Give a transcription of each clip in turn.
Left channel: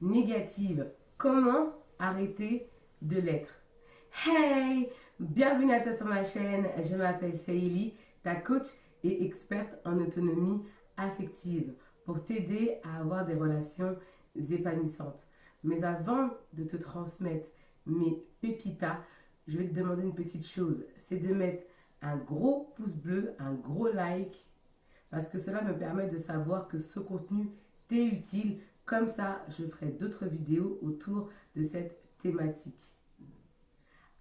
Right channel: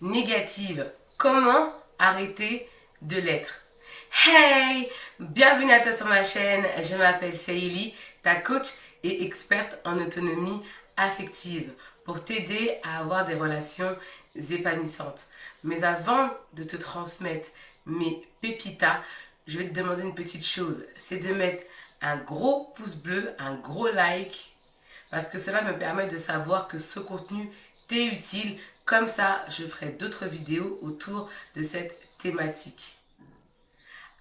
négative. Comment arrêter de l'être? Hey! Bienvenue à toi sur ma chaîne. Je m'appelle Saïli, ta coach et experte en autonomie affective pour t'aider à avoir des relations épanouissantes. Mais avant de te transmettre mes pépitas, je vais te demander une petite chose. C'est de mettre un gros pouce bleu, un gros like, parce que cela me permet de savoir que ce contenu t'est utile. Comme ça, je ferai d'autres vidéos autour de cette thématique.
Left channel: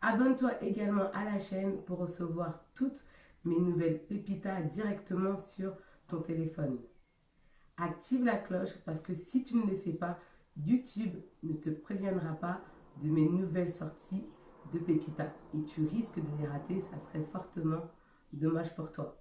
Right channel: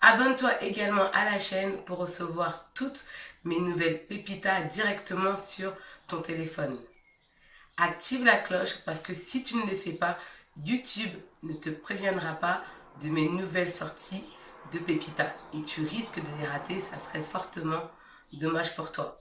Abonne-toi également à la chaîne pour recevoir toutes mes nouvelles pépitas directement sur ton téléphone. Active la cloche parce que si tu ne le fais pas, YouTube ne te préviendra pas de mes nouvelles sorties de pépitas et tu risques de les rater, ça serait fortement dommage pour toi.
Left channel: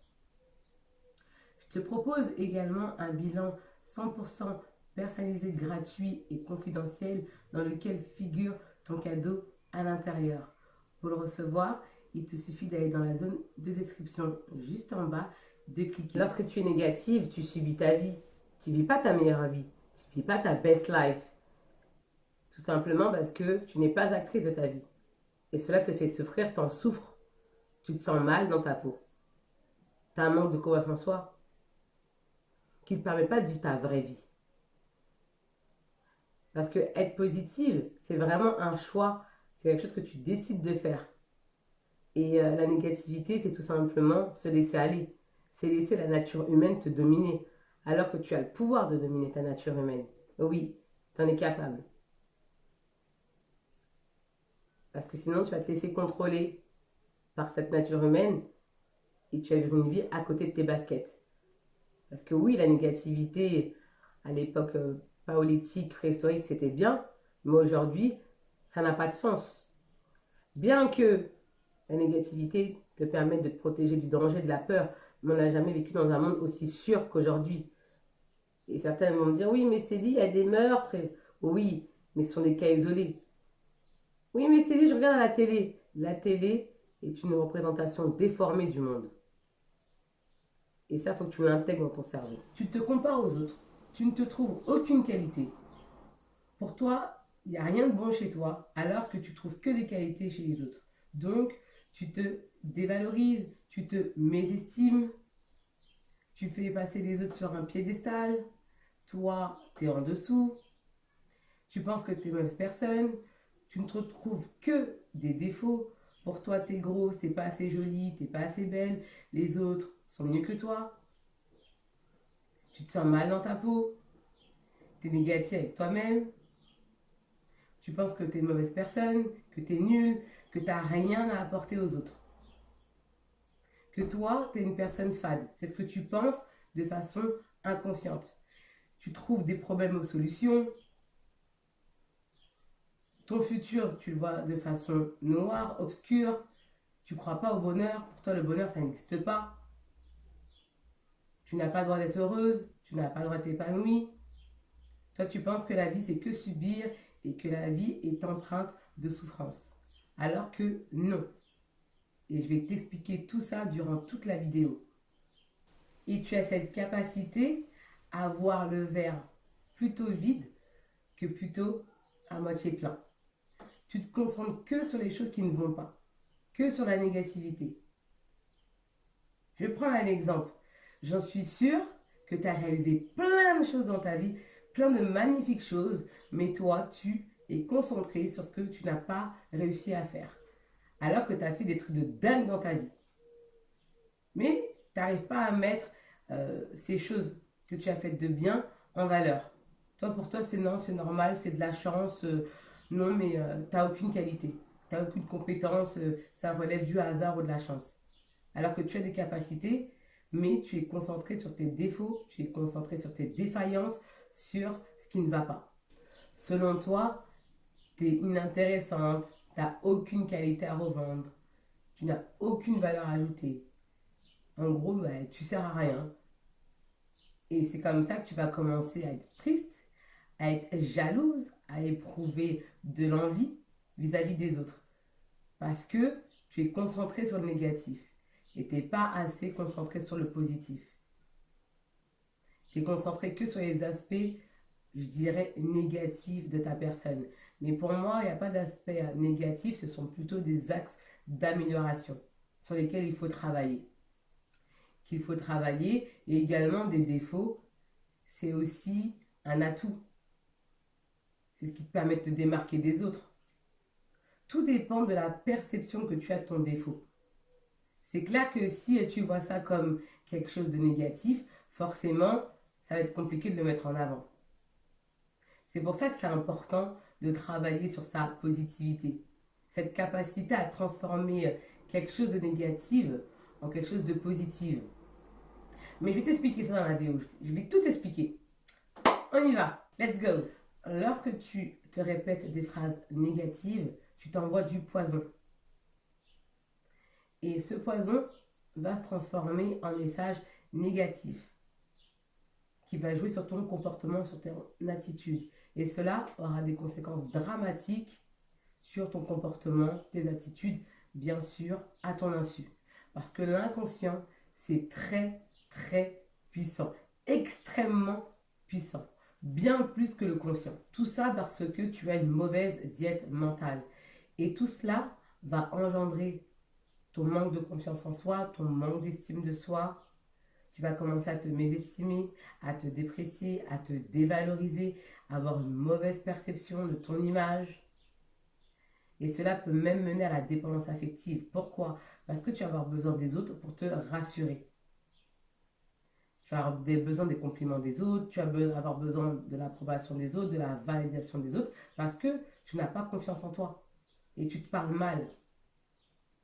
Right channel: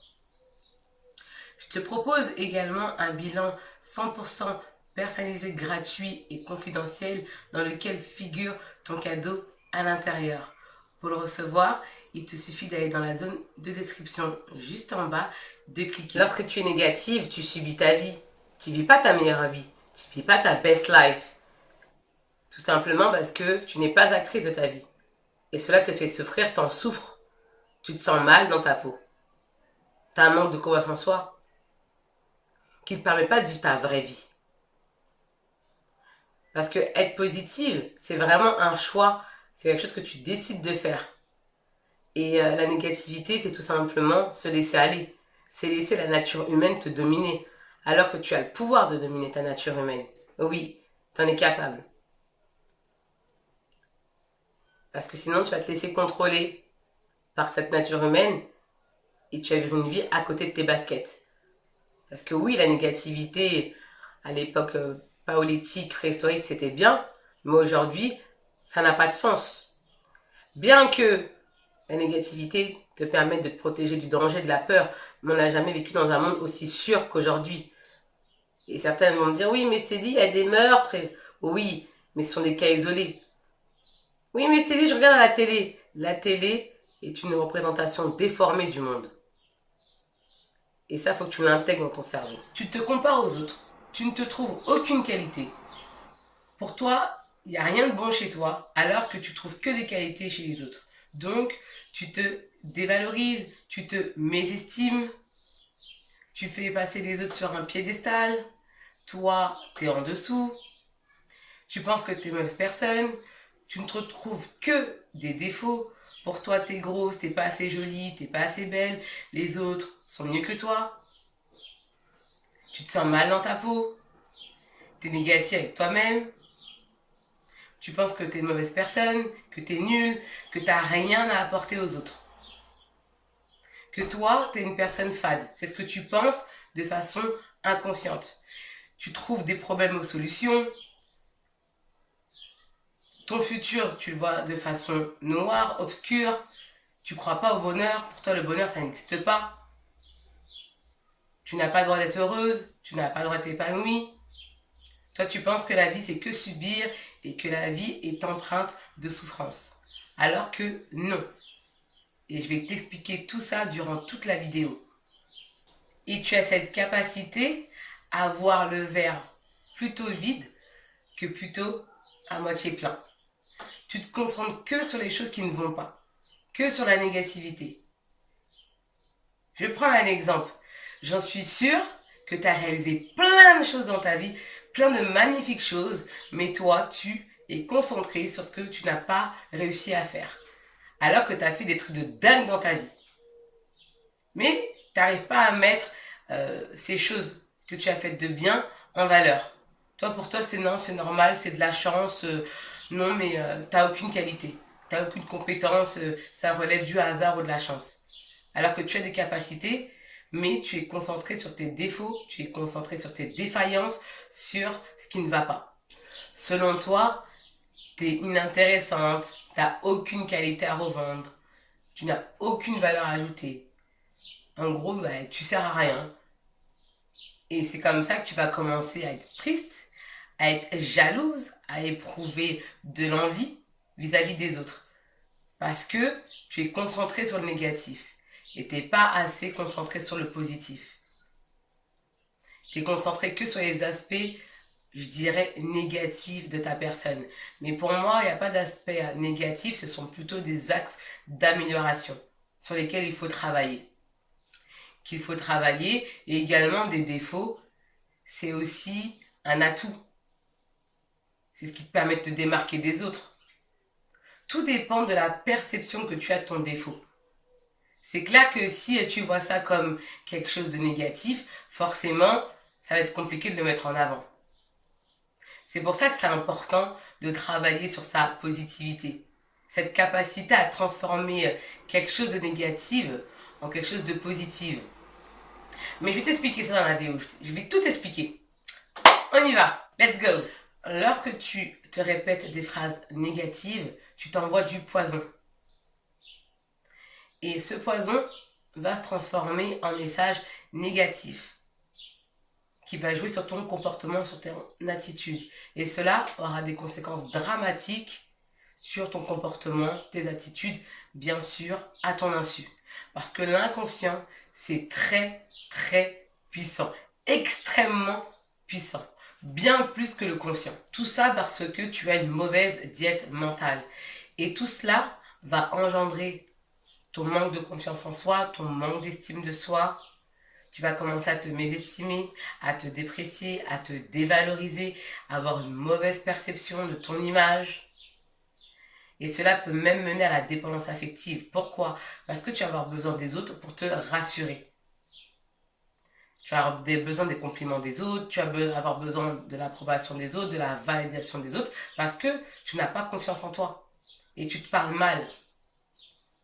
Je te propose également un bilan 100% personnalisé, gratuit et confidentiel dans lequel figure ton cadeau à l'intérieur. Pour le recevoir, il te suffit d'aller dans la zone de description juste en bas, de cliquer. Lorsque tu es négative, tu subis ta vie. Tu ne vis pas ta meilleure vie. Tu ne vis pas ta best life. Tout simplement parce que tu n'es pas actrice de ta vie. Et cela te fait souffrir, t'en souffres. Tu te sens mal dans ta peau. Tu as un manque de confiance en soi qui ne te permet pas de vivre ta vraie vie. Parce que être positive, c'est vraiment un choix. C'est quelque chose que tu décides de faire. Et la négativité, c'est tout simplement se laisser aller. C'est laisser la nature humaine te dominer. Alors que tu as le pouvoir de dominer ta nature humaine. Oui, tu en es capable. Parce que sinon, tu vas te laisser contrôler par cette nature humaine et tu vas vivre une vie à côté de tes baskets. Parce que oui, la négativité, à l'époque paléolithique, préhistorique, c'était bien, mais aujourd'hui, ça n'a pas de sens. Bien que la négativité te permette de te protéger du danger, de la peur, mais on n'a jamais vécu dans un monde aussi sûr qu'aujourd'hui. Et certains vont me dire, oui, mais c'est dit, il y a des meurtres. Oui, mais ce sont des cas isolés. Oui, mais c'est dit, je regarde à la télé. La télé est une représentation déformée du monde. Et ça, il faut que tu l'intègres dans ton cerveau. Tu te compares aux autres. Tu ne te trouves aucune qualité. Pour toi, il n'y a rien de bon chez toi, alors que tu trouves que des qualités chez les autres. Donc, tu te dévalorises, tu te mésestimes, tu fais passer les autres sur un piédestal. Toi, tu es en dessous. Tu penses que tu es mauvaise personne. Tu ne te trouves que des défauts. Pour toi, tu es grosse, tu n'es pas assez jolie, tu n'es pas assez belle. Les autres sont mieux que toi. Tu te sens mal dans ta peau. Tu es négatif avec toi-même. Tu penses que tu es une mauvaise personne, que tu es nulle, que tu n'as rien à apporter aux autres. Que toi, tu es une personne fade. C'est ce que tu penses de façon inconsciente. Tu trouves des problèmes aux solutions. Ton futur, tu le vois de façon noire, obscure. Tu ne crois pas au bonheur. Pour toi, le bonheur, ça n'existe pas. Tu n'as pas le droit d'être heureuse. Tu n'as pas le droit d'être épanouie. Toi, tu penses que la vie, c'est que subir et que la vie est empreinte de souffrance. Alors que non. Et je vais t'expliquer tout ça durant toute la vidéo. Et tu as cette capacité à voir le verre plutôt vide que plutôt à moitié plein. Tu te concentres que sur les choses qui ne vont pas, que sur la négativité. Je prends un exemple. J'en suis sûre que tu as réalisé plein de choses dans ta vie, plein de magnifiques choses, mais toi, tu es concentré sur ce que tu n'as pas réussi à faire. Alors que tu as fait des trucs de dingue dans ta vie. Mais tu n'arrives pas à mettre ces choses que tu as faites de bien en valeur. Toi, pour toi, c'est non, c'est normal, c'est de la chance. Non, mais tu n'as aucune qualité. Tu n'as aucune compétence. Ça relève du hasard ou de la chance. Alors que tu as des capacités, mais tu es concentré sur tes défauts, tu es concentré sur tes défaillances, sur ce qui ne va pas. Selon toi, tu es inintéressante, tu n'as aucune qualité à revendre, tu n'as aucune valeur ajoutée. En gros, bah, tu sers à rien. Et c'est comme ça que tu vas commencer à être triste, à être jalouse, à éprouver de l'envie vis-à-vis des autres. Parce que tu es concentré sur le négatif et tu n'es pas assez concentré sur le positif. Tu es concentré que sur les aspects je dirais, négatif de ta personne. Mais pour moi, il n'y a pas d'aspect négatif, ce sont plutôt des axes d'amélioration sur lesquels il faut travailler. Qu'il faut travailler, et également des défauts, c'est aussi un atout. C'est ce qui te permet de te démarquer des autres. Tout dépend de la perception que tu as de ton défaut. C'est clair que si tu vois ça comme quelque chose de négatif, forcément, ça va être compliqué de le mettre en avant. C'est pour ça que c'est important de travailler sur sa positivité. Cette capacité à transformer quelque chose de négatif en quelque chose de positif. Mais je vais t'expliquer ça dans la vidéo. Je vais tout expliquer. On y va. Let's go. Lorsque tu te répètes des phrases négatives, tu t'envoies du poison. Et ce poison va se transformer en message négatif qui va jouer sur ton comportement, sur ton attitude. Et cela aura des conséquences dramatiques sur ton comportement, tes attitudes, bien sûr, à ton insu. Parce que l'inconscient, c'est très, très puissant. Extrêmement puissant. Bien plus que le conscient. Tout ça parce que tu as une mauvaise diète mentale. Et tout cela va engendrer ton manque de confiance en soi, ton manque d'estime de soi. Tu vas commencer à te mésestimer, à te déprécier, à te dévaloriser, à avoir une mauvaise perception de ton image. Et cela peut même mener à la dépendance affective. Pourquoi? Parce que tu vas avoir besoin des autres pour te rassurer. Tu vas avoir besoin des compliments des autres, tu vas avoir besoin de l'approbation des autres, de la validation des autres, parce que tu n'as pas confiance en toi. Et tu te parles mal.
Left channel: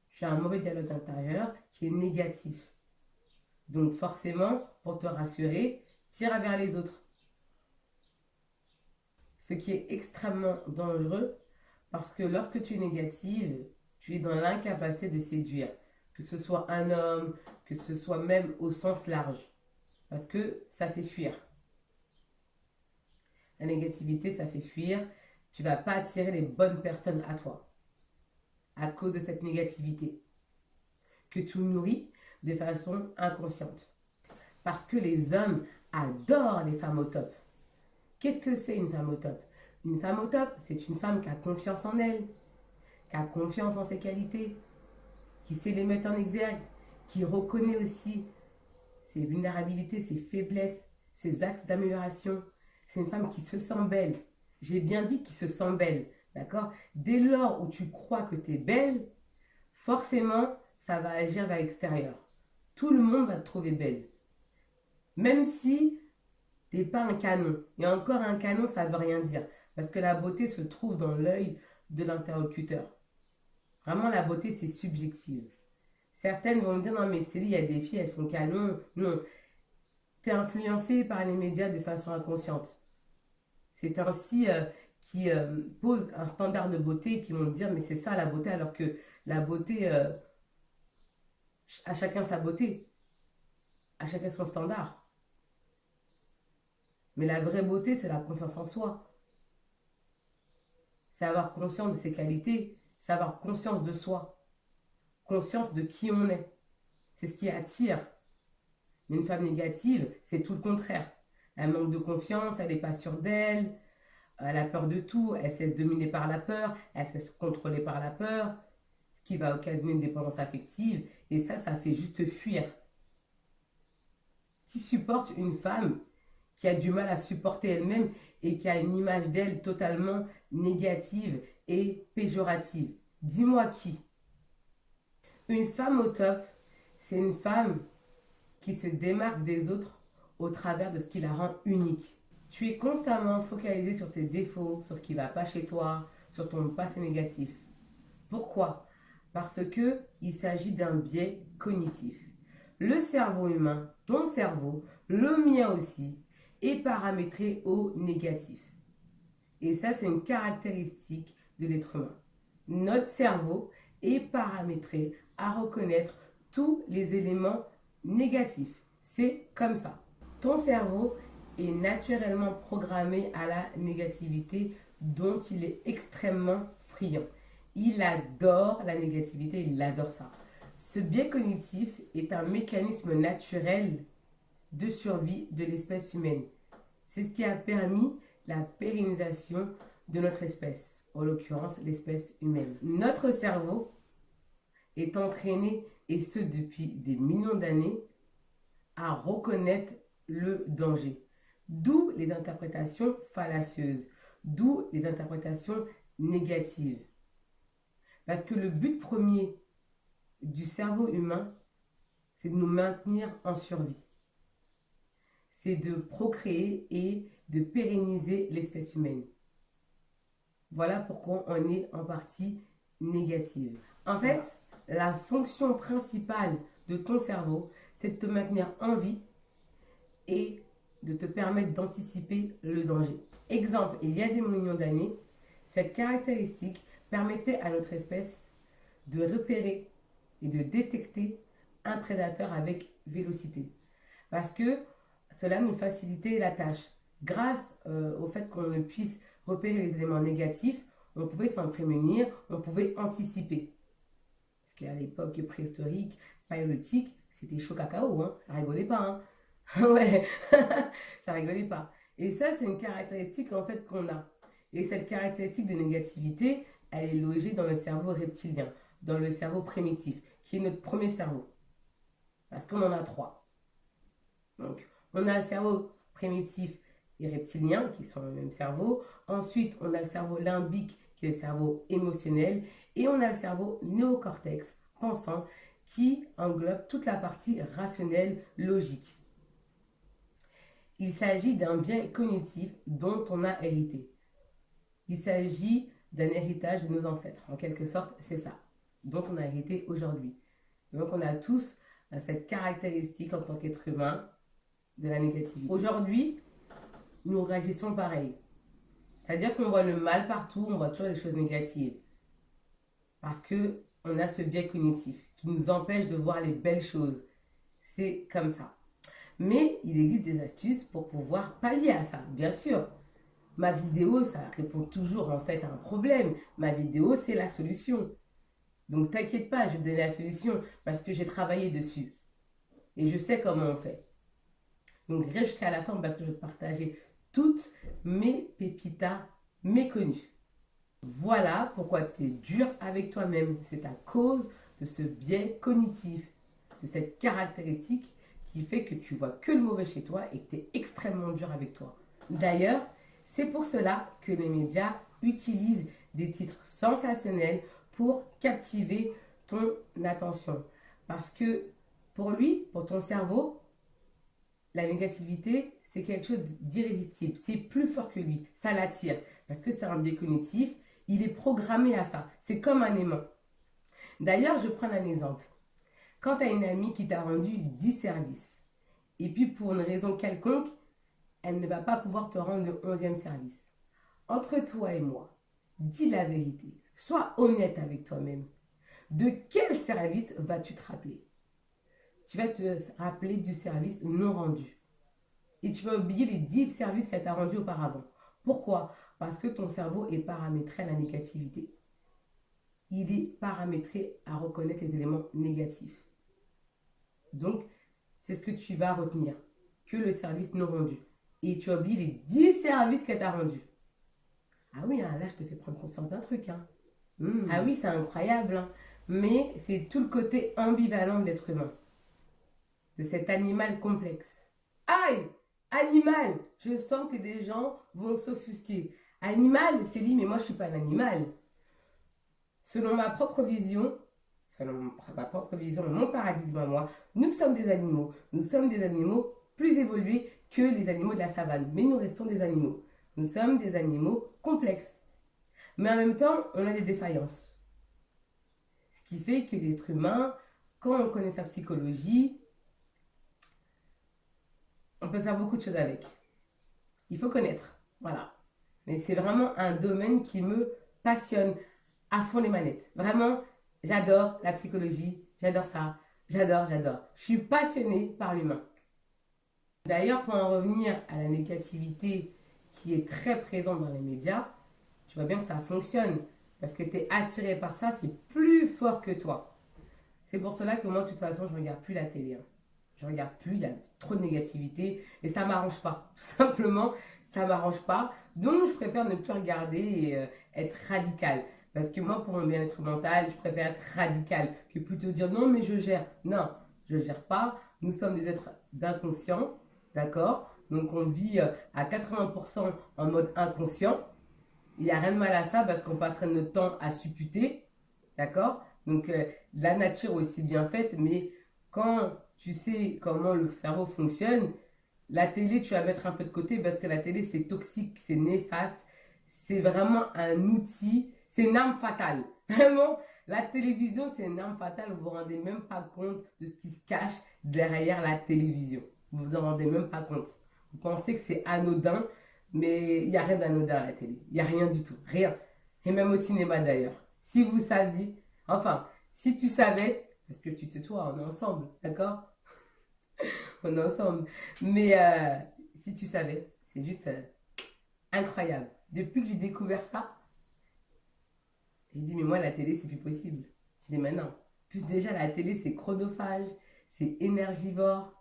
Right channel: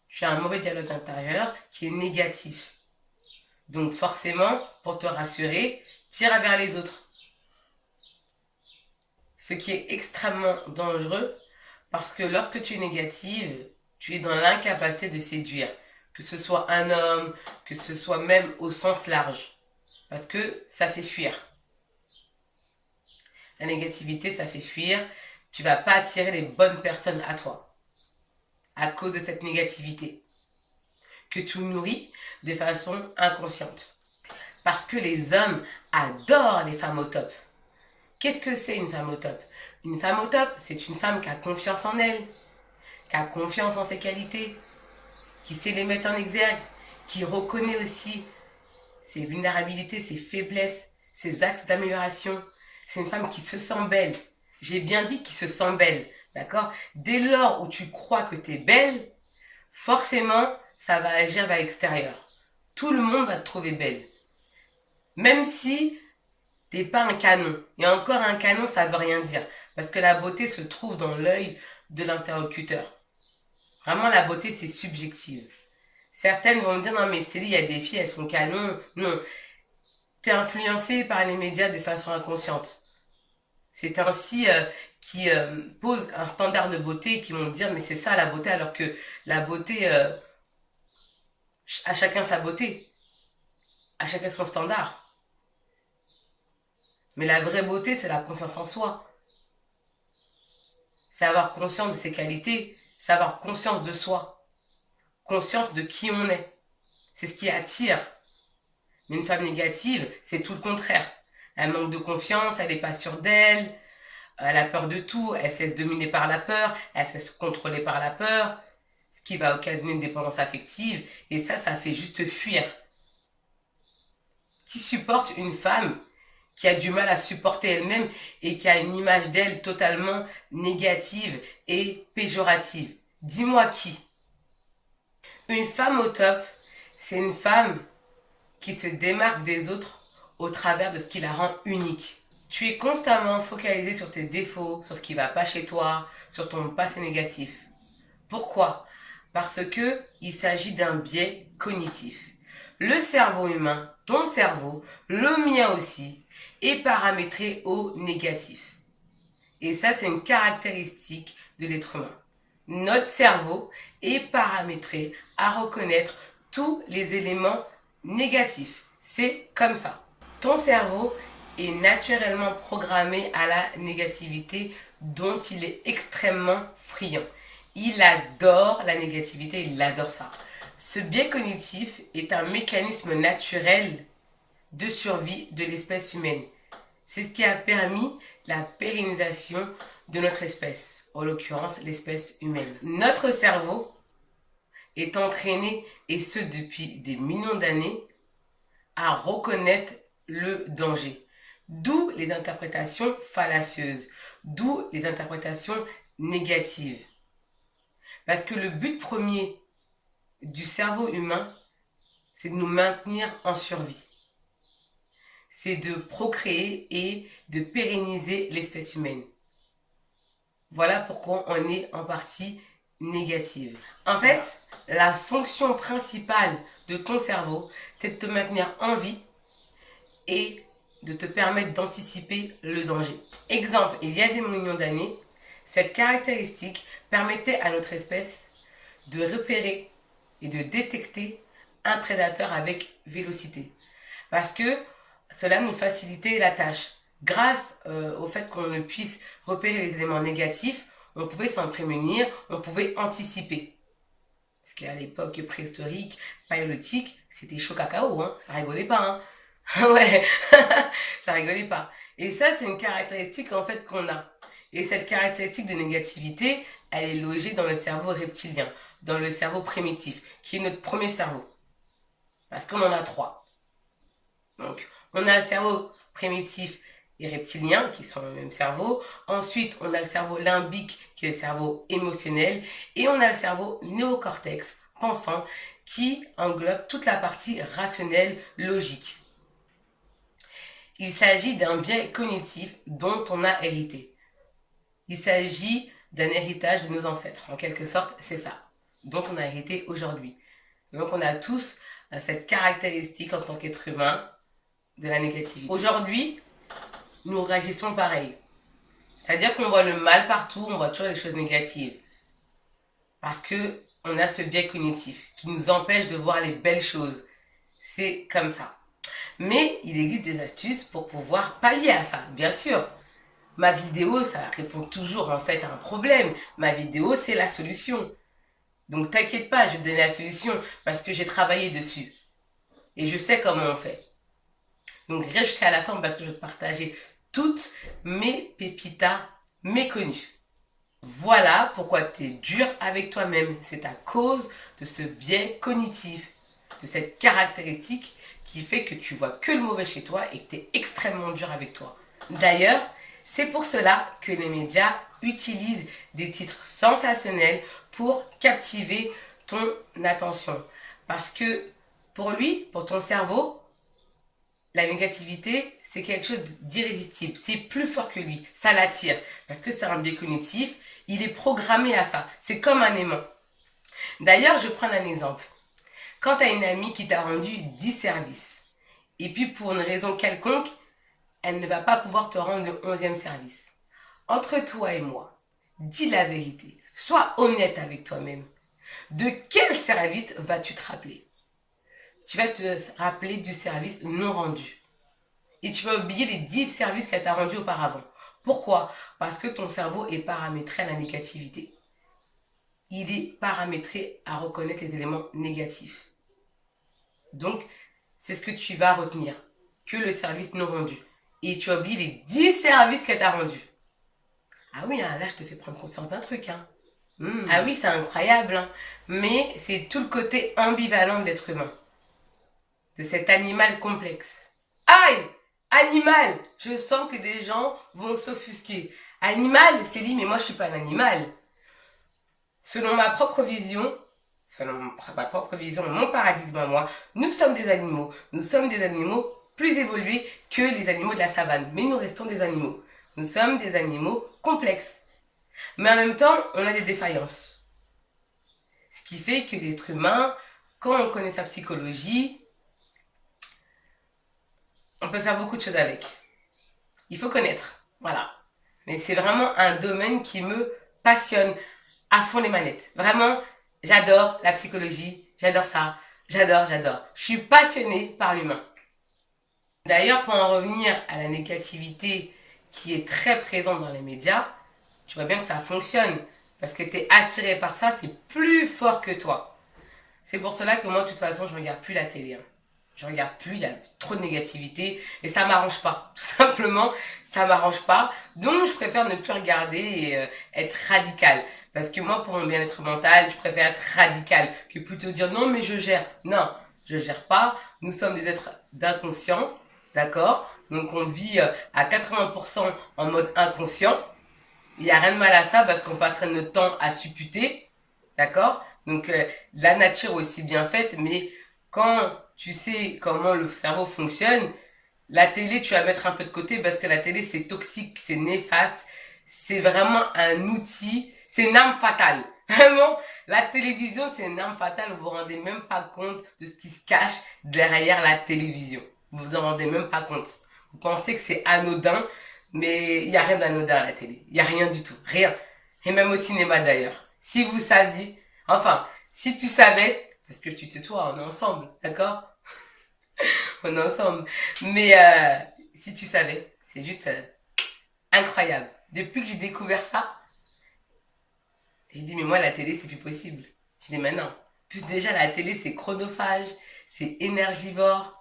Tu as un mauvais dialogue intérieur qui est négatif. Donc forcément, pour te rassurer, tire vers les autres. Ce qui est extrêmement dangereux parce que lorsque tu es négative, tu es dans l'incapacité de séduire. Que ce soit un homme, que ce soit même au sens large. Parce que ça fait fuir. La négativité, ça fait fuir. Tu ne vas pas attirer les bonnes personnes à toi. À cause de cette négativité. Que tu nourris de façon inconsciente. Parce que les hommes adorent les femmes au top. Qu'est-ce que c'est une femme au top? Une femme au top, c'est une femme qui a confiance en elle, qui a confiance en ses qualités, qui sait les mettre en exergue, qui reconnaît aussi ses vulnérabilités, ses faiblesses, ses axes d'amélioration. C'est une femme qui se sent belle. J'ai bien dit qui se sent belle, d'accord? Dès lors où tu crois que tu es belle, forcément, ça va agir vers l'extérieur. Tout le monde va te trouver belle. Même si t'es pas un canon. Et encore un canon, ça veut rien dire. Parce que la beauté se trouve dans l'œil de l'interlocuteur. Vraiment, la beauté, c'est subjectif. Certaines vont me dire, non mais Célie, il y a des filles, elles sont canons. Non. T'es influencé par les médias de façon inconsciente. C'est ainsi qui posent un standard de beauté qui vont me dire, mais c'est ça la beauté, alors que la beauté, à chacun sa beauté. À chacun son standard. Mais la vraie beauté, c'est la confiance en soi. C'est avoir conscience de ses qualités, c'est avoir conscience de soi, conscience de qui on est. C'est ce qui attire. Mais une femme négative, c'est tout le contraire. Elle manque de confiance, elle n'est pas sûre d'elle, elle a peur de tout, elle se laisse dominer par la peur, elle se laisse contrôler par la peur, ce qui va occasionner une dépendance affective. Et ça fait juste fuir. Qui supporte une femme qui a du mal à supporter elle-même et qui a une image d'elle totalement négative et péjorative? Dis-moi qui? Une femme au top, c'est une femme qui se démarque des autres au travers de ce qui la rend unique. Tu es constamment focalisé sur tes défauts, sur ce qui ne va pas chez toi, sur ton passé négatif. Pourquoi? Parce que il s'agit d'un biais cognitif. Le cerveau humain, ton cerveau, le mien aussi, est paramétré au négatif. Et ça, c'est une caractéristique de l'être humain. Notre cerveau est paramétré à reconnaître tous les éléments négatifs. C'est comme ça. Ton cerveau est naturellement programmé à la négativité dont il est extrêmement friand. Il adore la négativité, il adore ça. Ce biais cognitif est un mécanisme naturel de survie de l'espèce humaine. C'est ce qui a permis la pérennisation de notre espèce, en l'occurrence l'espèce humaine. Notre cerveau est entraîné, et ce depuis des millions d'années, à reconnaître le danger. D'où les interprétations fallacieuses, d'où les interprétations négatives. Parce que le but premier du cerveau humain, c'est de nous maintenir en survie. C'est de procréer et de pérenniser l'espèce humaine. Voilà pourquoi on est en partie négative. En fait, la fonction principale de ton cerveau, c'est de te maintenir en vie et de te permettre d'anticiper le danger. Exemple, il y a des millions d'années, cette caractéristique permettait à notre espèce de repérer et de détecter un prédateur avec vélocité. Parce que cela nous facilitait la tâche. Grâce au fait qu'on ne puisse repérer les éléments négatifs, on pouvait s'en prémunir, on pouvait anticiper. Parce qu'à l'époque préhistorique, paléolithique, c'était chaud cacao, hein, ça rigolait pas. Hein. Ouais, ça rigolait pas. Et ça, c'est une caractéristique en fait qu'on a. Et cette caractéristique de négativité, elle est logée dans le cerveau reptilien, dans le cerveau primitif, qui est notre premier cerveau. Parce qu'on en a 3. Donc, on a le cerveau primitif et reptilien, qui sont le même cerveau. Ensuite, on a le cerveau limbique, qui est le cerveau émotionnel. Et on a le cerveau néocortex, pensant, qui englobe toute la partie rationnelle, logique. Il s'agit d'un biais cognitif dont on a hérité. Il s'agit d'un héritage de nos ancêtres. En quelque sorte, c'est ça, dont on a hérité aujourd'hui. Donc, on a tous cette caractéristique en tant qu'être humain de la négativité. Aujourd'hui, nous réagissons pareil. C'est-à-dire qu'on voit le mal partout, on voit toujours les choses négatives. Parce que on a ce biais cognitif qui nous empêche de voir les belles choses. C'est comme ça. Mais il existe des astuces pour pouvoir pallier à ça, bien sûr. Ma vidéo, ça répond toujours en fait à un problème. Ma vidéo, c'est la solution. Donc t'inquiète pas, je vais te donner la solution parce que j'ai travaillé dessus. Et je sais comment on fait. Donc reste jusqu'à la fin parce que je vais te partager toutes mes pépitas méconnues. Voilà pourquoi tu es dur avec toi-même. C'est à cause de ce biais cognitif, de cette caractéristique qui fait que tu vois que le mauvais chez toi et que tu es extrêmement dur avec toi. D'ailleurs, c'est pour cela que les médias utilisent des titres sensationnels pour captiver ton attention. Parce que pour lui, pour ton cerveau, la négativité, c'est quelque chose d'irrésistible. C'est plus fort que lui. Ça l'attire. Parce que c'est un biais cognitif. Il est programmé à ça. C'est comme un aimant. D'ailleurs, je prends un exemple. Quand tu as une amie qui t'a rendu 10 services, et puis pour une raison quelconque, elle ne va pas pouvoir te rendre le 11e service. Entre toi et moi, dis la vérité. Sois honnête avec toi-même. De quel service vas-tu te rappeler? Tu vas te rappeler du service non rendu. Et tu vas oublier les 10 services qu'elle t'a rendus auparavant. Pourquoi? Parce que ton cerveau est paramétré à la négativité. Il est paramétré à reconnaître les éléments négatifs. Donc, c'est ce que tu vas retenir. Que le service non rendu. Et tu oublies les 10 services qu'elle t'a rendus. Ah oui, là, je te fais prendre conscience d'un truc. Hein. Ah oui, c'est incroyable. Hein. Mais c'est tout le côté ambivalent de l'être humain. De cet animal complexe. Aïe! Animal! Je sens que des gens vont s'offusquer. Animal, c'est dit, mais moi je suis pas un animal. Selon ma propre vision, mon paradigme à moi, nous sommes des animaux. Nous sommes des animaux plus évolués que les animaux de la savane. Mais nous restons des animaux. Nous sommes des animaux complexes. Mais en même temps, on a des défaillances. Ce qui fait que l'être humain, quand on connaît sa psychologie, on peut faire beaucoup de choses avec. Il faut connaître, voilà. Mais c'est vraiment un domaine qui me passionne à fond les manettes. Vraiment, j'adore la psychologie, j'adore ça, j'adore. Je suis passionnée par l'humain. D'ailleurs, pour en revenir à la négativité qui est très présente dans les médias, tu vois bien que ça fonctionne. Parce que tu es attiré par ça, c'est plus fort que toi. C'est pour cela que moi, de toute façon, je ne regarde plus la télé. Hein. Je regarde plus, il y a trop de négativité et ça m'arrange pas. Tout simplement, ça m'arrange pas. Donc, je préfère ne plus regarder et être radical. Parce que moi, pour mon bien-être mental, je préfère être radical que plutôt dire non, mais je gère. Non, je gère pas. Nous sommes des êtres d'inconscient, d'accord? Donc, on vit à 80% en mode inconscient. Il n'y a rien de mal à ça parce qu'on passerait notre temps à supputer, d'accord? Donc la nature est aussi bien faite, mais quand tu sais comment le cerveau fonctionne, la télé, tu vas mettre un peu de côté parce que la télé, c'est toxique, c'est néfaste, c'est vraiment un outil, c'est une arme fatale. Vraiment, la télévision, c'est une arme fatale, vous vous rendez même pas compte de ce qui se cache derrière la télévision. Vous vous en rendez même pas compte. Vous pensez que c'est anodin, mais il n'y a rien d'anodin à la télé. Il n'y a rien du tout. Rien. Et même au cinéma d'ailleurs. Si vous saviez, enfin, si tu savais, parce que tu te toi, on est ensemble, d'accord? On est ensemble. Mais si tu savais, c'est juste incroyable. Depuis que j'ai découvert ça, j'ai dit, mais moi, la télé, c'est plus possible. J'ai dit, mais non. Plus déjà, la télé, c'est chronophage, c'est énergivore,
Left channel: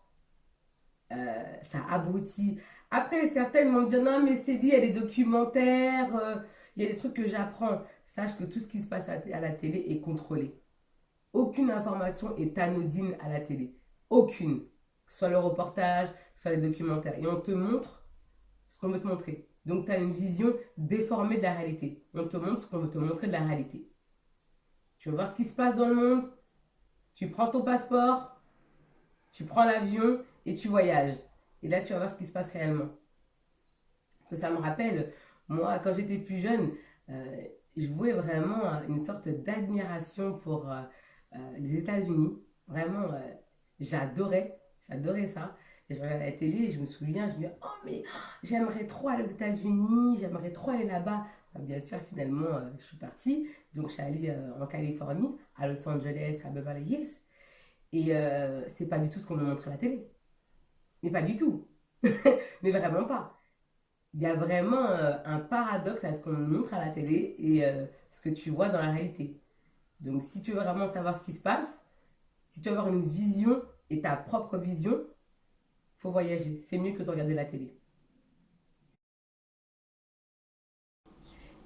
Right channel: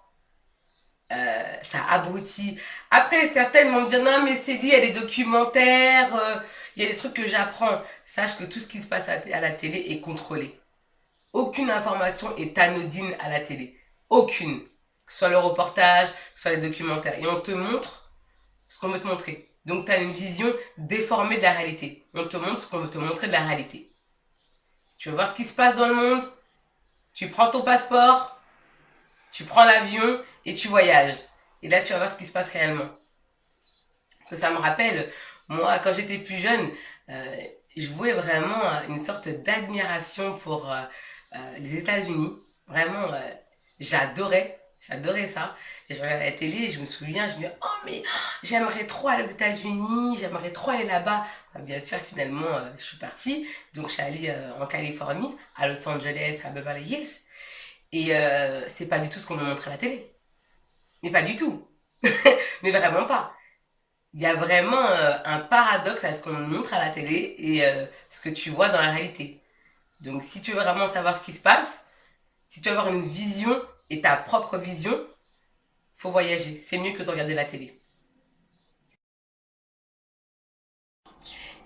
ça abrutit. Après, certaines vont me dire, non, mais c'est dit, il y a des documentaires, il y a des trucs que j'apprends. Sache que tout ce qui se passe à la télé est contrôlé. Aucune information est anodine à la télé. Aucune. Que ce soit le reportage, que ce soit les documentaires. Et on te montre ce qu'on veut te montrer. Donc tu as une vision déformée de la réalité. On te montre ce qu'on veut te montrer de la réalité. Si tu veux voir ce qui se passe dans le monde, tu prends ton passeport, tu prends l'avion et tu voyages. Et là, tu vas voir ce qui se passe réellement. Parce que ça me rappelle, moi, quand j'étais plus jeune, euh, je vouais vraiment une sorte d'admiration pour les États-Unis. Vraiment, j'adorais ça. Et je regardais la télé et je me souviens, je me dis, oh, mais j'aimerais trop aller aux États-Unis, j'aimerais trop aller là-bas. Bien sûr, finalement, je suis partie. Donc, je suis allée en Californie, à Los Angeles, à Beverly Hills. Et c'est pas du tout ce qu'on me montre à la télé. Mais pas du tout. Mais vraiment pas. Il y a vraiment un paradoxe à ce qu'on nous montre à la télé et ce que tu vois dans la réalité. Donc si tu veux vraiment savoir ce qui se passe, si tu veux avoir une vision et ta propre vision, faut voyager. C'est mieux que de regarder la télé.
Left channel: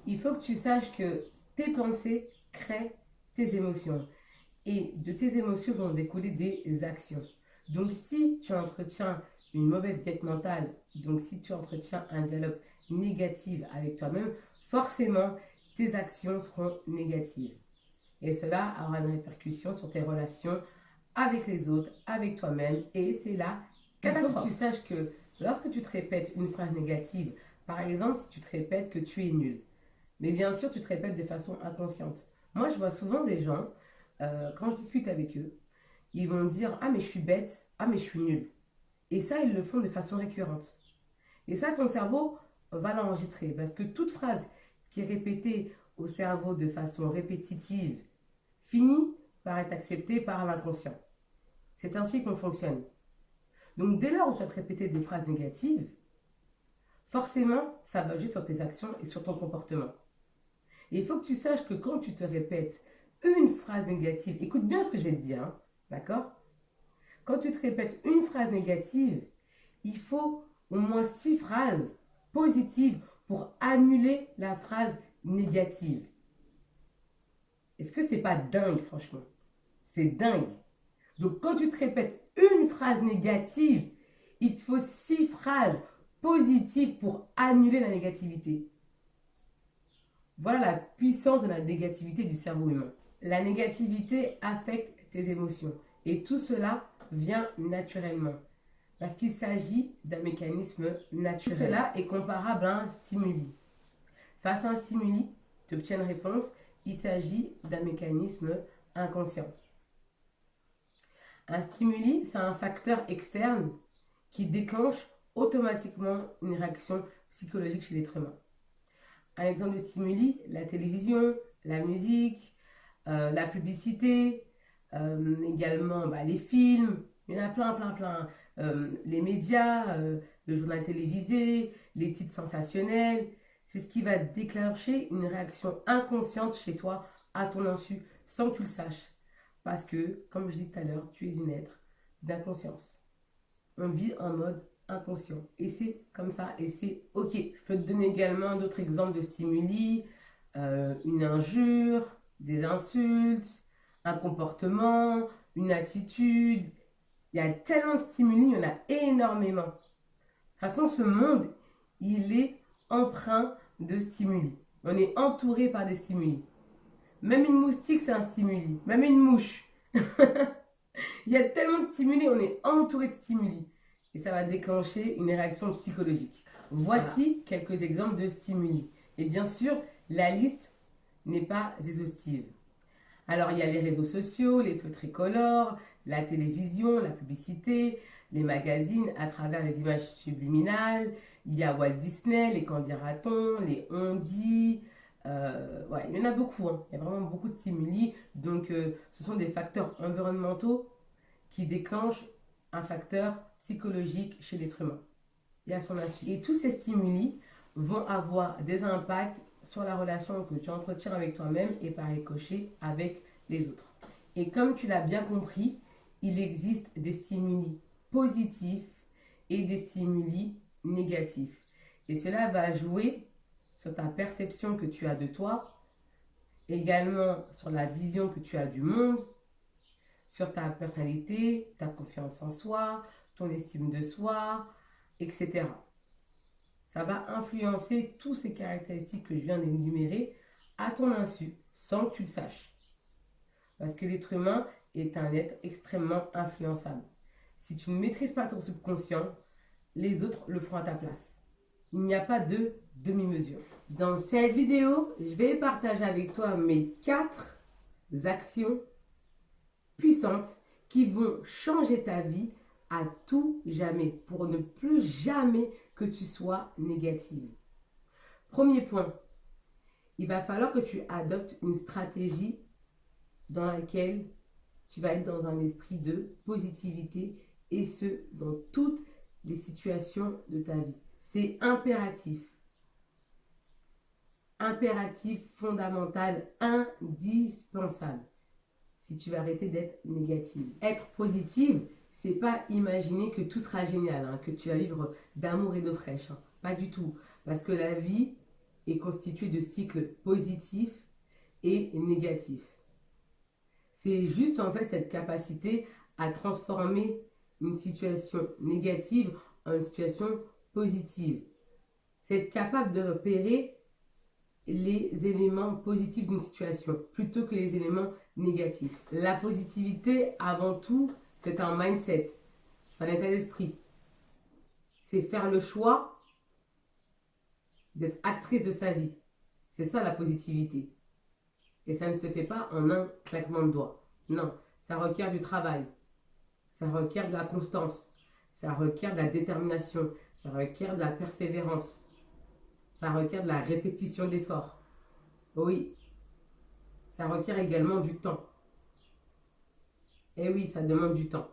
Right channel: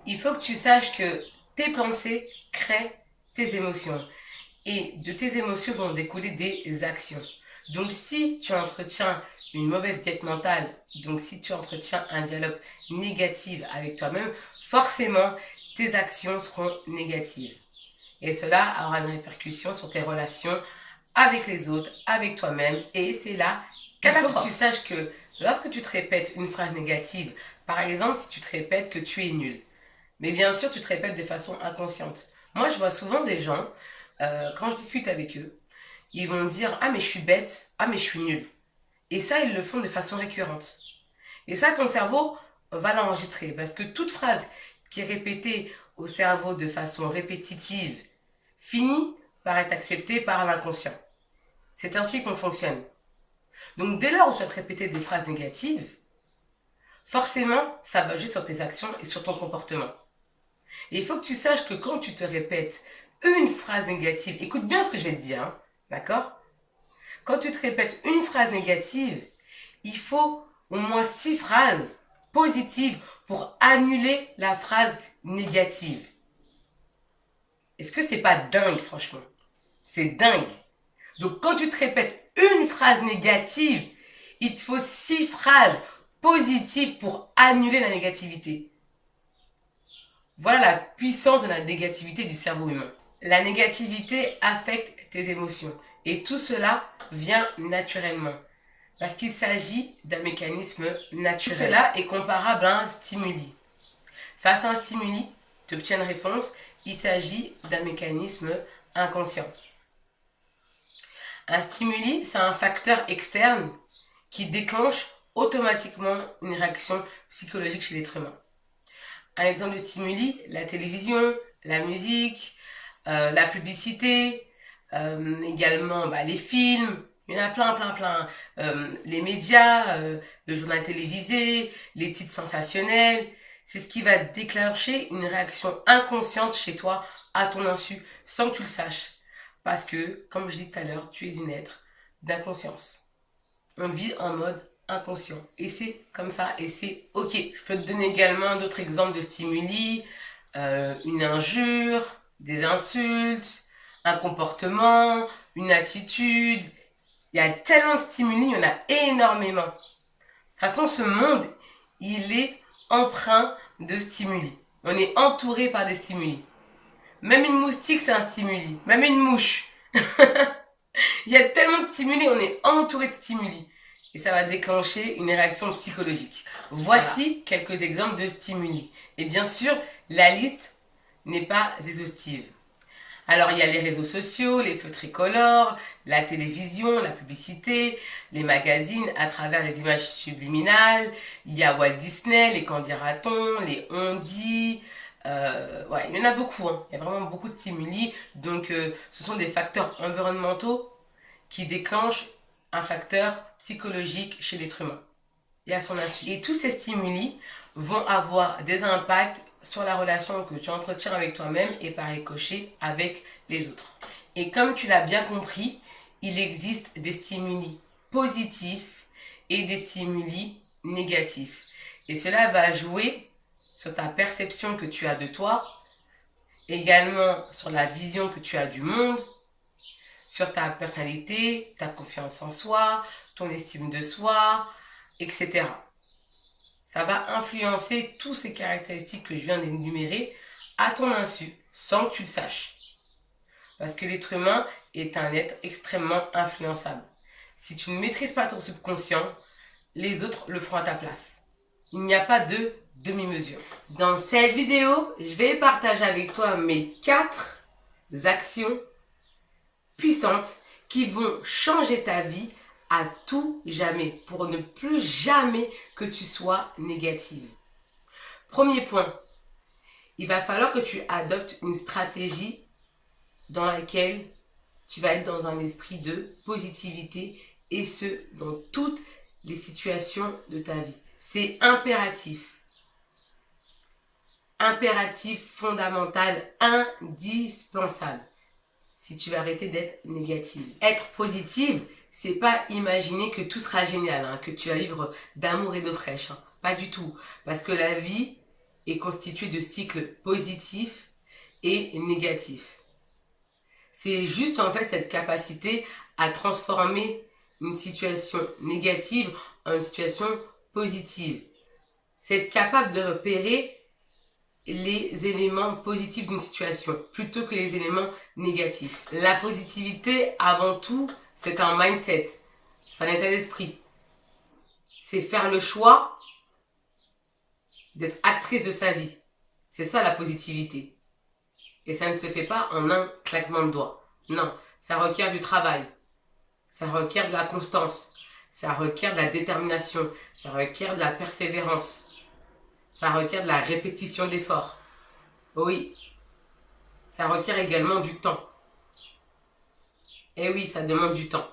Il faut que tu saches que tes pensées créent tes émotions. Et de tes émotions vont découler des actions. Donc si tu entretiens une mauvaise diète mentale, donc si tu entretiens un dialogue négatif avec toi-même, forcément tes actions seront négatives. Et cela aura une répercussion sur tes relations avec les autres, avec toi-même, et c'est là qu'il faut que tu saches que lorsque tu te répètes une phrase négative, par exemple si tu te répètes que tu es nul, mais bien sûr tu te répètes de façon inconsciente. Moi je vois souvent des gens, quand je discute avec eux, ils vont dire ah mais je suis bête, ah mais je suis nul. Et ça ils le font de façon récurrente. Et ça ton cerveau va l'enregistrer parce que toute phrase qui est répétée au cerveau de façon répétitive finit par être acceptée par l'inconscient. C'est ainsi qu'on fonctionne. Donc dès lors où tu vas te répéter des phrases négatives, forcément ça va juste sur tes actions et sur ton comportement. Et il faut que tu saches que quand tu te répètes une phrase négative, écoute bien ce que je vais te dire, hein, d'accord? Quand tu te répètes une phrase négative, il faut au moins 6 phrases positives pour annuler la phrase négative. Est-ce que c'est pas dingue, franchement? C'est dingue. Donc, quand tu te répètes une phrase négative, il te faut 6 phrases positives pour annuler la négativité. Voilà la puissance de la négativité du cerveau humain. La négativité affecte tes émotions. Et tout cela vient naturellement. Parce qu'il s'agit d'un mécanisme naturel. Tout cela est comparable à un stimuli. Face à un stimuli, tu obtiens une réponse. Il s'agit d'un mécanisme inconscient. Un stimuli, c'est un facteur externe qui déclenche automatiquement une réaction psychologique chez l'être humain. Un exemple de stimuli, la télévision, la musique, la publicité, également les films, il y en a plein. Les médias, le journal télévisé, les titres sensationnels, c'est ce qui va déclencher une réaction inconsciente chez toi à ton insu, sans que tu le saches. Parce que, comme je dis tout à l'heure, tu es une être d'inconscience. On vit en mode inconscient. Et c'est comme ça, et c'est ok. Je peux te donner également d'autres exemples de stimuli, une injure, des insultes, un comportement, une attitude. Il y a tellement de stimuli, il y en a énormément. De toute façon, ce monde, il est empreint de stimuli. On est entouré par des stimuli. Même une moustique, c'est un stimuli. Même une mouche. Il y a tellement de stimuli, on est entouré de stimuli. Et ça va déclencher une réaction psychologique. Voici quelques exemples de stimuli. Et bien sûr, la liste n'est pas exhaustive. Alors, il y a les réseaux sociaux, les feux tricolores, la télévision, la publicité, les magazines à travers les images subliminales. Il y a Walt Disney, les qu'en dira-t-on, les on-dit. Ouais, il y en a beaucoup. Hein. Il y a vraiment beaucoup de stimuli. Donc, ce sont des facteurs environnementaux qui déclenchent un facteur psychologique chez l'être humain et à son insu. Et tous ces stimuli vont avoir des impacts sur la relation que tu entretiens avec toi-même et par ricochet avec les autres. Et comme tu l'as bien compris, il existe des stimuli positifs et des stimuli négatifs. Et cela va jouer sur ta perception que tu as de toi, également sur la vision que tu as du monde, sur ta personnalité, ta confiance en soi, ton estime de soi, etc. Ça va influencer toutes ces caractéristiques que je viens d'énumérer à ton insu, sans que tu le saches. Parce que l'être humain est un être extrêmement influençable. Si tu ne maîtrises pas ton subconscient, les autres le feront à ta place. Il n'y a pas de demi-mesure. Dans cette vidéo, je vais partager avec toi mes 4 actions puissantes qui vont changer ta vie à tout jamais, pour ne plus jamais que tu sois négative. Premier point, il va falloir que tu adoptes une stratégie dans laquelle tu vas être dans un esprit de positivité, et ce, dans toutes les situations de ta vie. C'est impératif. Impératif, fondamental, indispensable. Si tu veux arrêter d'être négative. Être positive, c'est pas imaginer que tout sera génial, hein, que tu vas vivre d'amour et d'eau fraîche. Hein. Pas du tout. Parce que la vie est constituée de cycles positifs et négatifs. C'est juste en fait cette capacité à transformer une situation négative en une situation positive. C'est être capable de repérer les éléments positifs d'une situation plutôt que les éléments négatifs. La positivité, avant tout, c'est un mindset, c'est un état d'esprit. C'est faire le choix d'être actrice de sa vie. C'est ça la positivité. Et ça ne se fait pas en un claquement de doigts. Non, ça requiert du travail. Ça requiert de la constance. Ça requiert de la détermination. Ça requiert de la persévérance. Ça requiert de la répétition d'efforts. Oui, ça requiert également du temps. Et oui, ça demande du temps.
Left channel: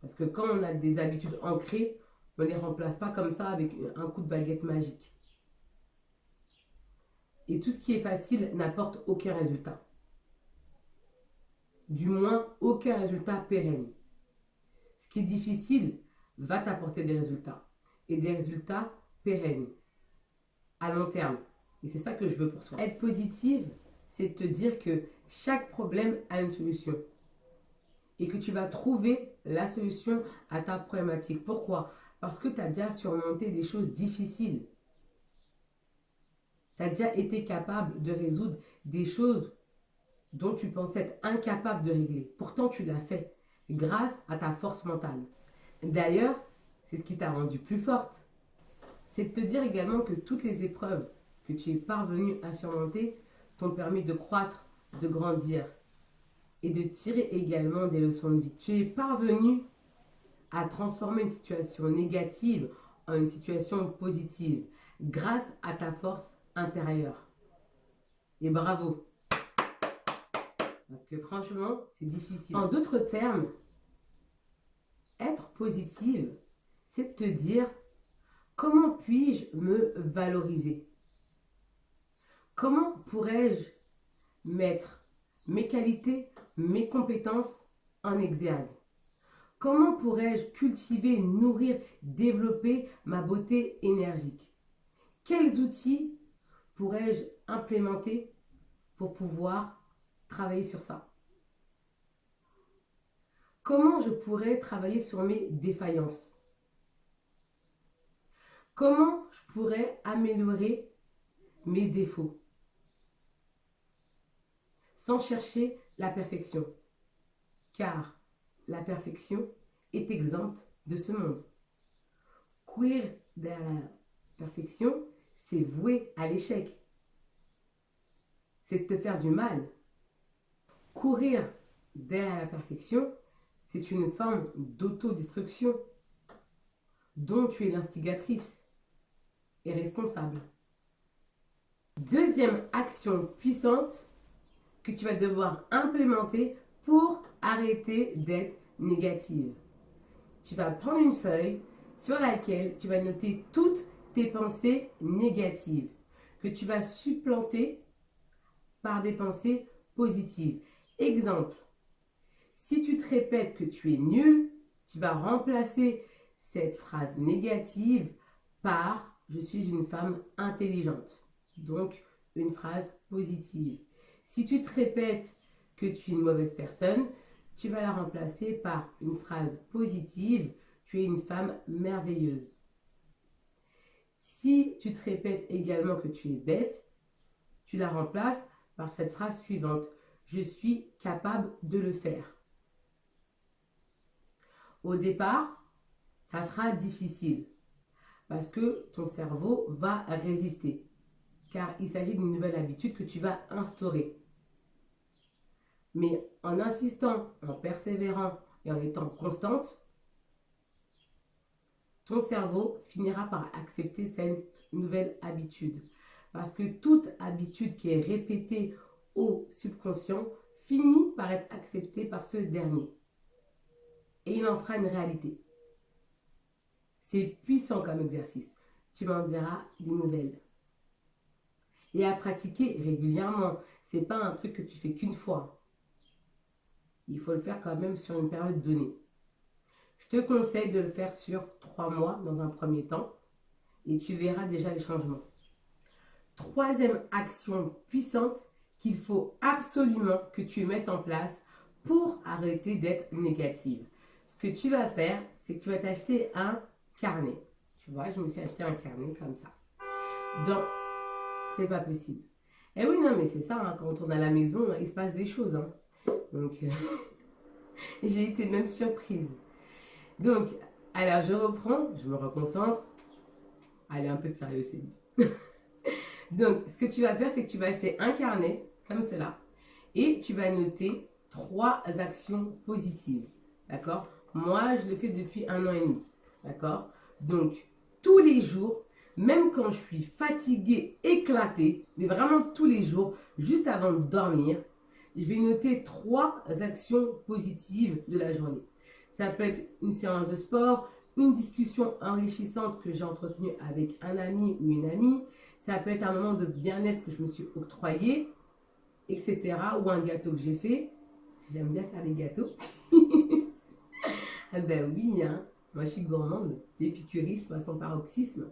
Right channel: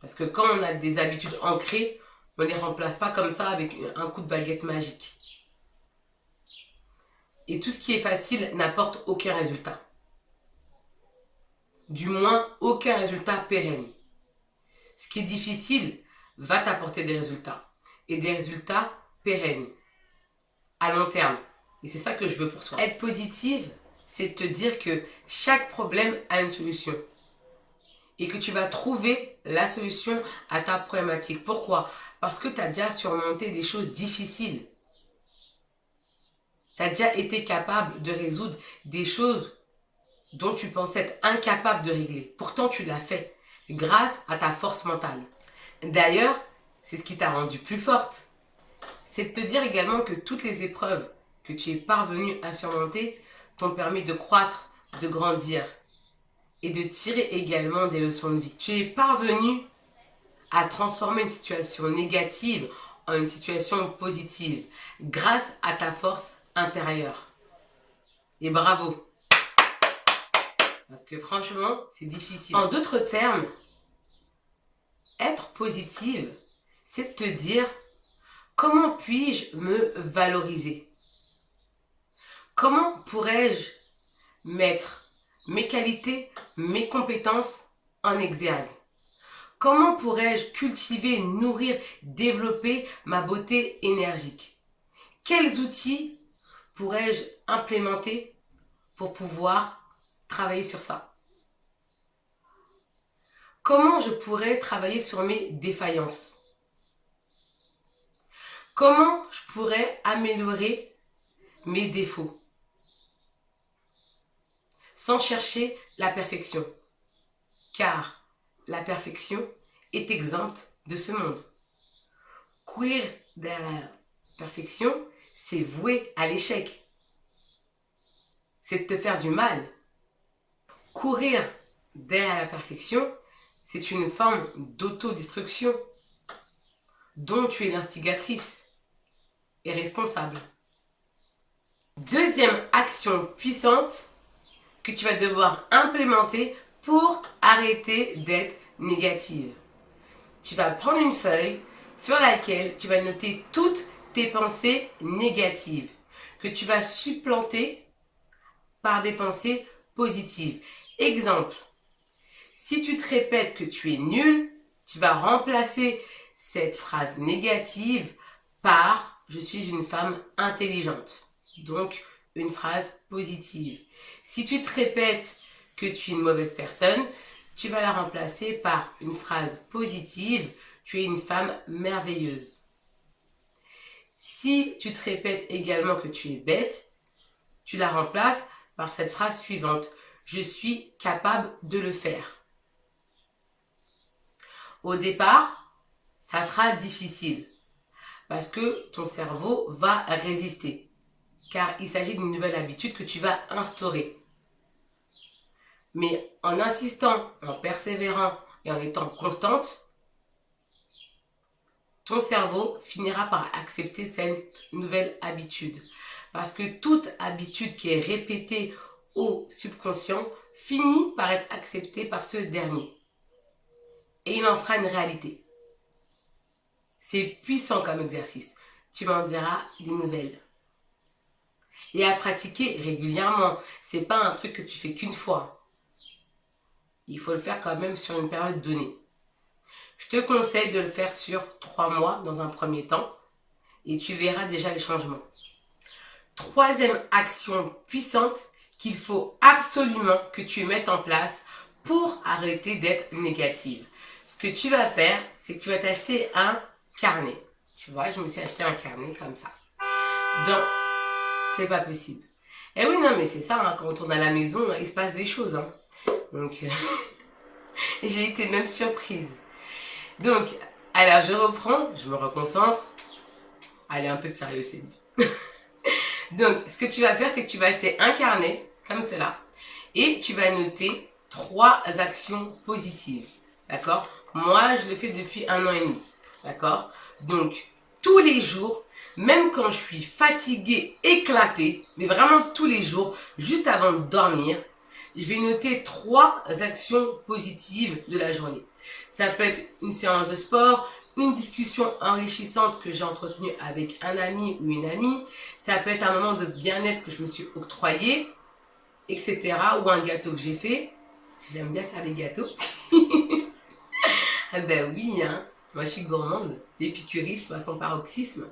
Parce que quand on a des habitudes ancrées, on ne les remplace pas comme ça avec un coup de baguette magique. Et tout ce qui est facile n'apporte aucun résultat. Du moins, aucun résultat pérenne. Ce qui est difficile va t'apporter des résultats. Et des résultats pérennes. À long terme. Et c'est ça que je veux pour toi. Être positive, c'est te dire que chaque problème a une solution. Et que tu vas trouver la solution à ta problématique. Pourquoi? Parce que tu as déjà surmonté des choses difficiles. Tu as déjà été capable de résoudre des choses dont tu pensais être incapable de régler. Pourtant, tu l'as fait grâce à ta force mentale. D'ailleurs, c'est ce qui t'a rendue plus forte. C'est de te dire également que toutes les épreuves que tu es parvenu à surmonter t'ont permis de croître, de grandir et de tirer également des leçons de vie. Tu es parvenu à transformer une situation négative en une situation positive grâce à ta force intérieure. Et bravo! Parce que franchement, c'est difficile. En d'autres termes, être positive, c'est de te dire: comment puis-je me valoriser? Comment pourrais-je mettre mes qualités, mes compétences en exergue? Comment pourrais-je cultiver, nourrir, développer ma beauté énergique? Quels outils pourrais-je implémenter pour pouvoir travailler sur ça? Comment je pourrais travailler sur mes défaillances? Comment je pourrais améliorer mes défauts sans chercher la perfection? Car la perfection est exempte de ce monde. Courir derrière la perfection, c'est voué à l'échec. C'est de te faire du mal. Courir derrière la perfection, c'est une forme d'autodestruction dont tu es l'instigatrice et responsable. Deuxième action puissante que tu vas devoir implémenter pour arrêter d'être négative. Tu vas prendre une feuille sur laquelle tu vas noter toutes tes pensées négatives que tu vas supplanter par des pensées positives. Exemple, si tu te répètes que tu es nul, tu vas remplacer cette phrase négative par « je suis une femme intelligente ». Donc, une phrase positive. Si tu te répètes que tu es une mauvaise personne, tu vas la remplacer par une phrase positive « tu es une femme merveilleuse ». Si tu te répètes également que tu es bête, tu la remplaces par cette phrase suivante « je suis capable de le faire ». Au départ, ça sera difficile parce que ton cerveau va résister car il s'agit d'une nouvelle habitude que tu vas instaurer. Mais en insistant, en persévérant et en étant constante, ton cerveau finira par accepter cette nouvelle habitude. Parce que toute habitude qui est répétée au subconscient finit par être acceptée par ce dernier. Et il en fera une réalité. C'est puissant comme exercice. Tu m'en diras des nouvelles. Et à pratiquer régulièrement. Ce n'est pas un truc que tu fais qu'une fois. Il faut le faire quand même sur une période donnée. Je te conseille de le faire sur 3 mois dans un premier temps. Et tu verras déjà les changements. Troisième action puissante qu'il faut absolument que tu mettes en place pour arrêter d'être négative. Ce que tu vas faire, c'est que tu vas t'acheter un carnet. Tu vois, je me suis acheté un carnet comme ça. Donc, c'est pas possible. Eh oui, non, mais c'est ça, hein, quand on tourne à la maison, il se passe des choses. Hein. Donc, j'ai été même surprise. Donc, alors je reprends, je me reconcentre. Allez, un peu de sérieux, c'est dit. Donc, ce que tu vas faire, c'est que tu vas acheter un carnet, comme cela, et tu vas noter 3 actions positives. D'accord? Moi, je le fais depuis 1 an et demi. D'accord? Donc, tous les jours, même quand je suis fatiguée, éclatée, mais vraiment tous les jours, juste avant de dormir, je vais noter 3 actions positives de la journée. Ça peut être une séance de sport, une discussion enrichissante que j'ai entretenue avec un ami ou une amie. Ça peut être un moment de bien-être que je me suis octroyé, etc. Ou un gâteau que j'ai fait. Parce que j'aime bien faire des gâteaux. Ah ben oui, hein. Moi je suis gourmande. L'épicurisme à son paroxysme.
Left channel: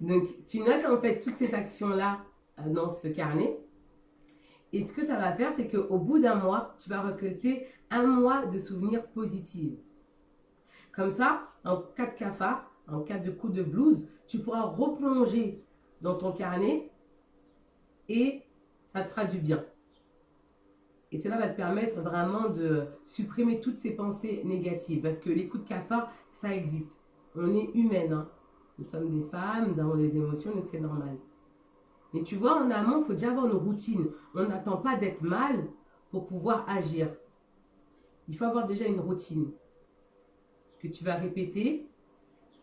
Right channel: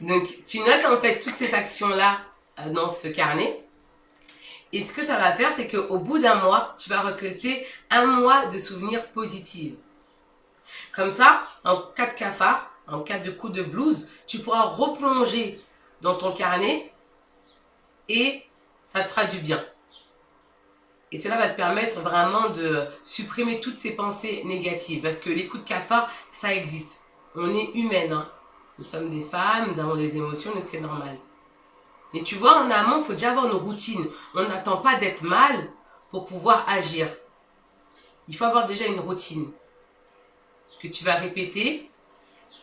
Donc tu notes en fait toutes ces actions-là dans ce carnet. Et ce que ça va faire, c'est qu'au bout d'un mois, tu vas récolter 1 mois de souvenirs positifs. Comme ça, en cas de cafard, en cas de coup de blues, tu pourras replonger dans ton carnet et ça te fera du bien. Et cela va te permettre vraiment de supprimer toutes ces pensées négatives. Parce que les coups de cafard, ça existe. On est humaine. Hein. Nous sommes des femmes, nous avons des émotions, donc c'est normal. Mais tu vois, en amont, il faut déjà avoir une routine. On n'attend pas d'être mal pour pouvoir agir. Il faut avoir déjà une routine que tu vas répéter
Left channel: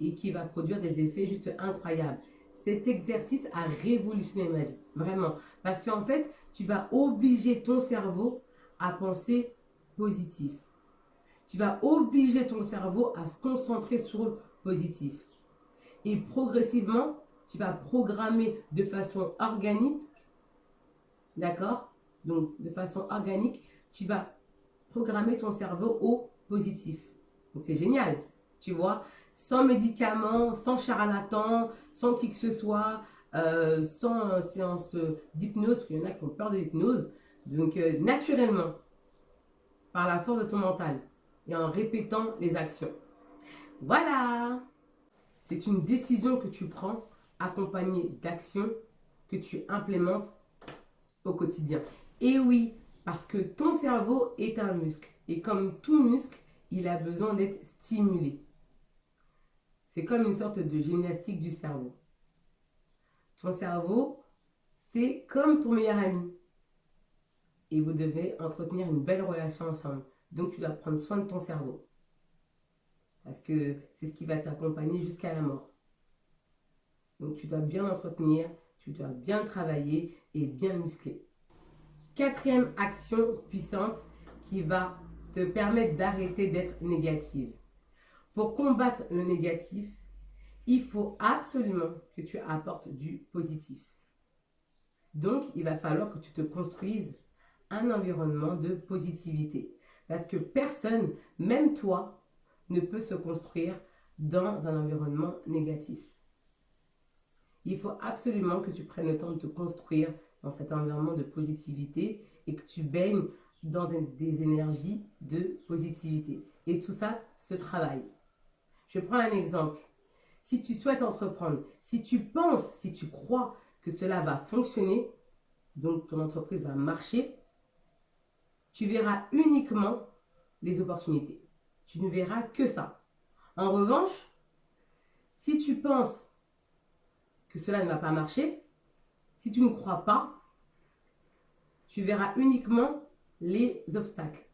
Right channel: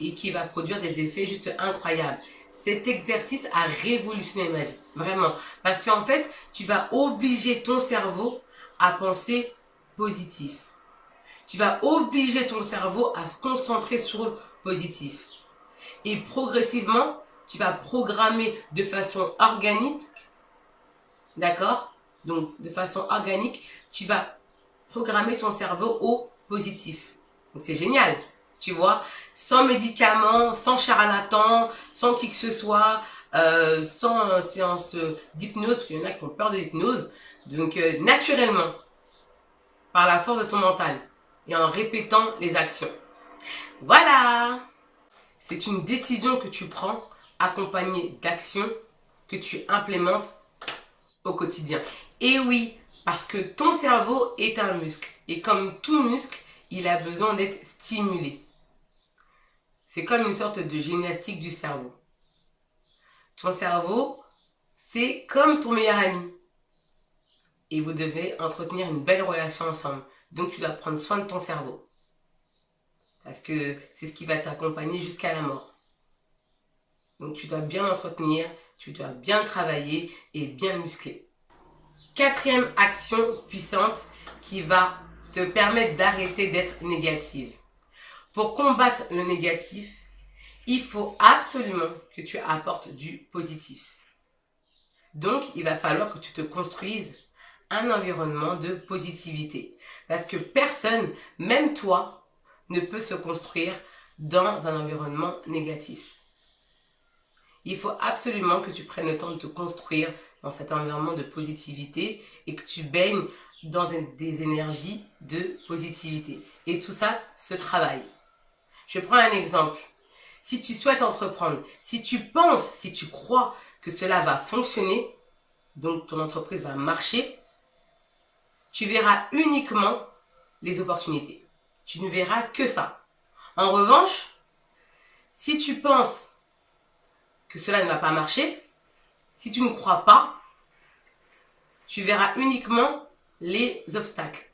et qui va produire des effets juste incroyables. Cet exercice a révolutionné ma vie, vraiment. Parce qu'en fait, tu vas obliger ton cerveau à penser positif. Tu vas obliger ton cerveau à se concentrer sur le positif. Et progressivement, tu vas programmer de façon organique, d'accord? Donc, de façon organique, tu vas programmer ton cerveau au positif. Donc c'est génial, tu vois, sans médicaments, sans charlatan, sans qui que ce soit, sans séance d'hypnose, parce qu'il y en a qui ont peur de l'hypnose. Donc naturellement, par la force de ton mental et en répétant les actions. Voilà! C'est une décision que tu prends accompagnée d'actions que tu implémentes au quotidien. Et oui, parce que ton cerveau est un muscle. Et comme tout muscle, il a besoin d'être stimulé. C'est comme une sorte de gymnastique du cerveau. Ton cerveau, c'est comme ton meilleur ami. Et vous devez entretenir une belle relation ensemble. Donc tu dois prendre soin de ton cerveau. Parce que c'est ce qui va t'accompagner jusqu'à la mort. Donc tu dois bien l'entretenir, tu dois bien travailler et bien le muscler. Quatrième action puissante qui va te permettre d'arrêter d'être négative. Pour combattre le négatif, il faut absolument que tu apportes du positif. Donc, il va falloir que tu te construises un environnement de positivité. Parce que personne, même toi, ne peut se construire dans un environnement négatif. Il faut absolument que tu prennes le temps de te construire dans cet environnement de positivité et que tu baignes dans des énergies de positivité. Et tout ça se travaille. Je prends un exemple. Si tu souhaites entreprendre, si tu penses, si tu crois que cela va fonctionner, donc ton entreprise va marcher, tu verras uniquement les opportunités. Tu ne verras que ça. En revanche, si tu penses que cela ne va pas marcher, si tu ne crois pas, tu verras uniquement les obstacles.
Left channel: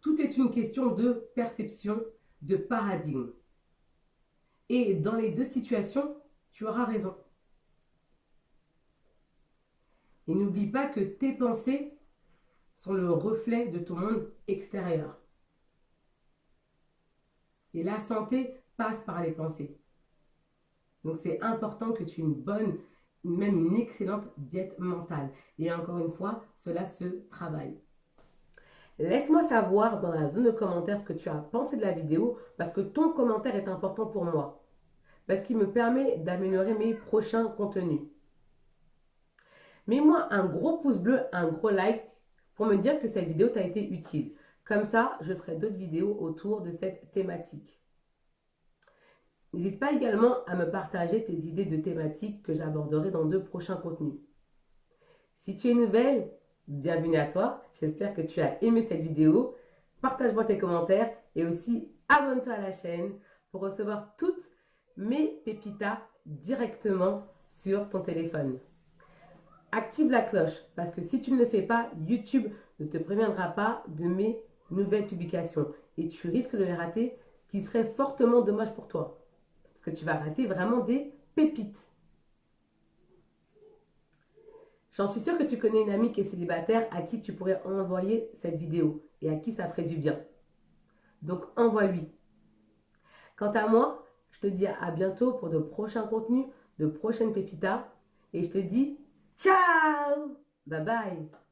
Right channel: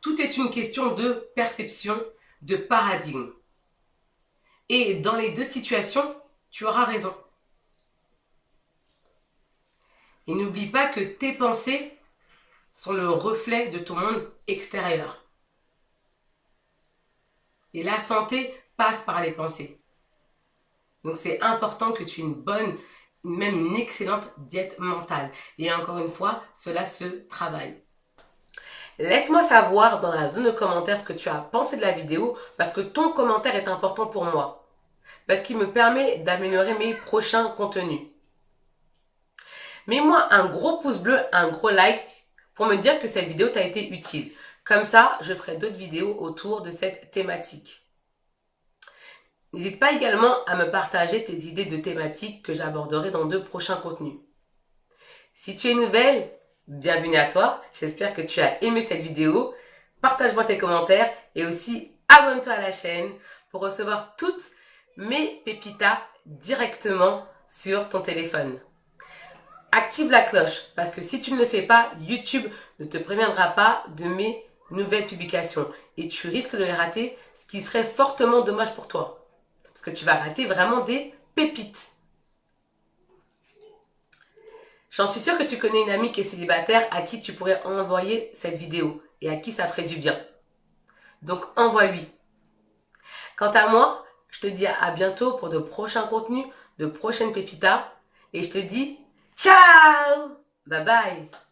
Tout est une question de perception, de paradigme. Et dans les deux situations, tu auras raison. Et n'oublie pas que tes pensées sont le reflet de ton monde extérieur. Et la santé passe par les pensées. Donc c'est important que tu aies une bonne, même une excellente diète mentale. Et encore une fois, cela se travaille. Laisse-moi savoir dans la zone de commentaires ce que tu as pensé de la vidéo parce que ton commentaire est important pour moi. Parce qu'il me permet d'améliorer mes prochains contenus. Mets-moi un gros pouce bleu, un gros like pour me dire que cette vidéo t'a été utile. Comme ça, je ferai d'autres vidéos autour de cette thématique. N'hésite pas également à me partager tes idées de thématiques que j'aborderai dans de prochains contenus. Si tu es nouvelle, bienvenue à toi. J'espère que tu as aimé cette vidéo. Partage-moi tes commentaires et aussi abonne-toi à la chaîne pour recevoir toutes mes pépitas directement sur ton téléphone. Active la cloche parce que si tu ne le fais pas, YouTube ne te préviendra pas de mes nouvelles publications et tu risques de les rater, ce qui serait fortement dommage pour toi. Parce que tu vas rater vraiment des pépites. J'en suis sûre que tu connais une amie qui est célibataire à qui tu pourrais envoyer cette vidéo et à qui ça ferait du bien. Donc envoie-lui. Quant à moi, je te dis à bientôt pour de prochains contenus, de prochaines pépitas et je te dis ciao! Bye bye!